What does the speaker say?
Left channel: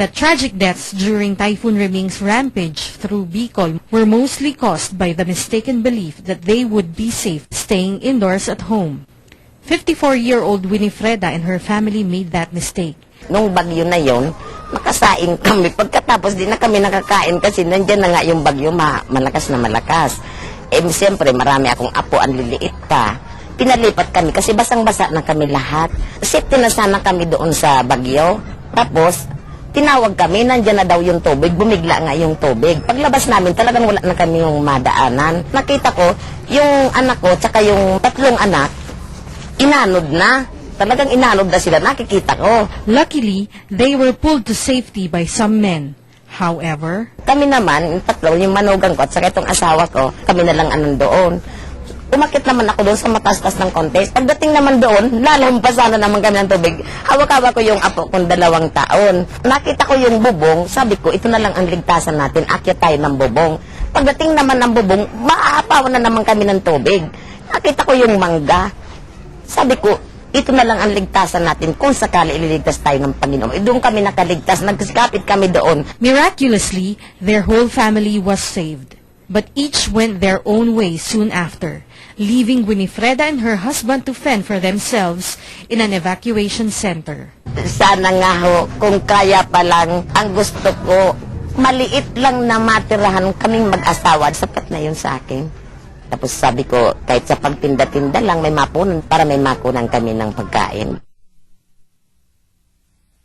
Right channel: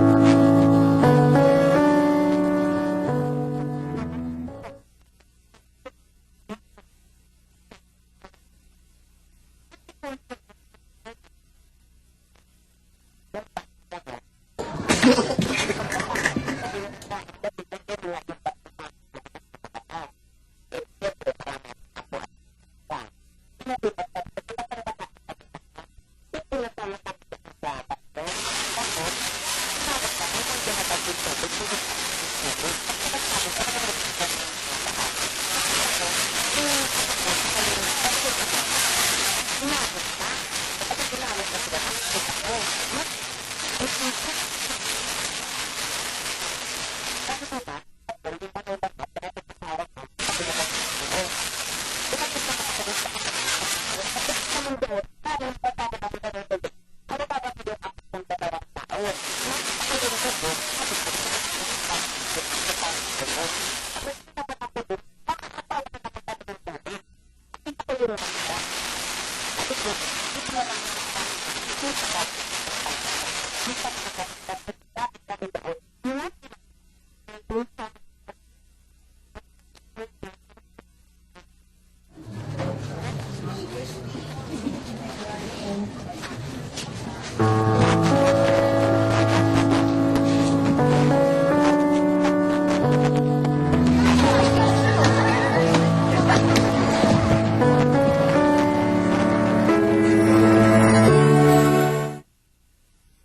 The tragic deaths during Typhoon Reming's rampage through Bicol were mostly caused by the mistaken belief that they would be safe staying indoors at home. 54-year-old Winifreda and her family made that mistake. Nung bagyo na yon, makasain kami. Pagkatapos di na kami nakakain kasi nandyan na nga yung bagyo, malakas na malakas. Eh, siyempre, marami akong apo, ang liliit pa. Pinalipat kami kasi basang-basa na kami lahat. Safety na sana kami doon sa bagyo. Tapos, tinawag kami, nandyan na daw yung tubig, bumigla nga yung tubig. Paglabas namin, talagang wala na kami yung madaanan. Nakita ko, yung anak ko, tsaka yung 3 anak, inanod na. Talagang inanod na sila, nakikita ko. Luckily, they were pulled to safety by some men. However, Kami naman, yung 3, yung manugang ko at saka itong asawa ko, kami na lang anong doon. Umakit naman ako doon sa matastas ng kontes. Pagdating naman doon, lalampasan na naman kami ng tubig. Hawak-hawak ko yung apo kong 2 taon. Nakita ko yung bubong, sabi ko, ito na lang ang ligtasan natin, akyat tayo ng bubong. Pagdating naman ng bubong, maaapawan na naman kami ng tubig. Nakita ko yung mangga. Sabi ko, ito na lang ang ligtasan natin kung sakali ililigtas tayo ng Panginoon. Doon kami nakaligtas, nagkapit kami doon. miraculously, their whole family was saved. But each went their own way soon after, leaving Winifreda and her husband to fend for themselves in an evacuation center. Sana nga ho, kung kaya pa lang, ang gusto ko, maliit lang na matirahan kaming mag-asawa. Sapat na yun sa akin. Tapos sabi ko, kahit sa pagtinda-tinda lang, may mapunan, para may mapunan kami ng pagkain.